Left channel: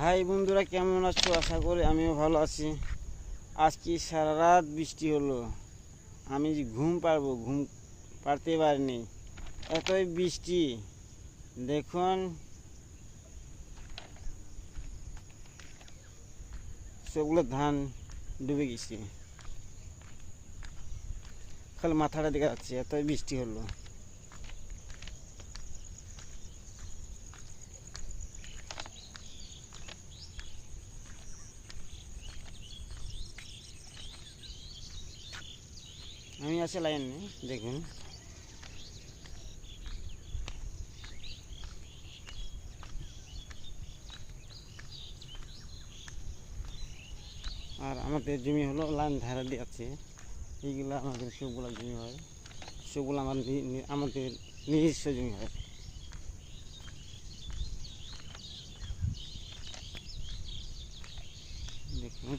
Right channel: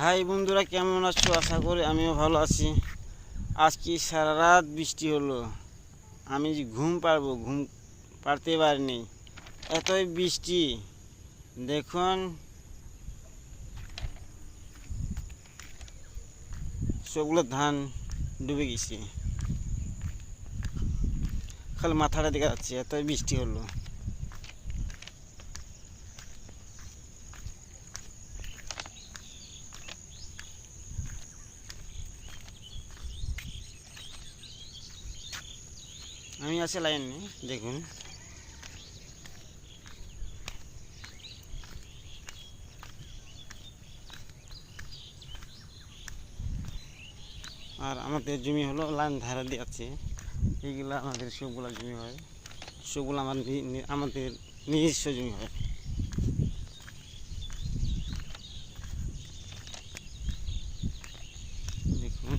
High বন্ধুরা, কেমন আছো? আশা করি আমিও ভালো আছি। আজকে সারা রাত বৃষ্টি হলো, আমি যে ঘুম পাড়তে পারিনি, এতই বৃষ্টি। দেখুন, সবগুলো ধান ডুবে গেছে, খালি মাথাটা দেখা যাচ্ছে, এতই বৃষ্টি হলো। আমি আছি লাইনে, দেখুন। আর আমাদের জমি হলো লাইন ধারে দিয়ে আছে, এইগুলো আমাদের সবগুলো জমি হয়, সবগুলো আমাদের নিজস্ব জমি হয়। দেখুন,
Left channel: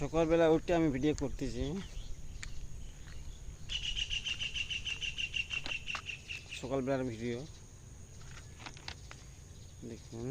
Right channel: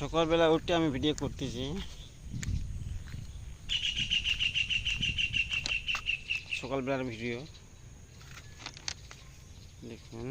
সকালবেলা উঠে আমি ভিডিও করতেছি। সকালবেলার ভিডিও দেখুন।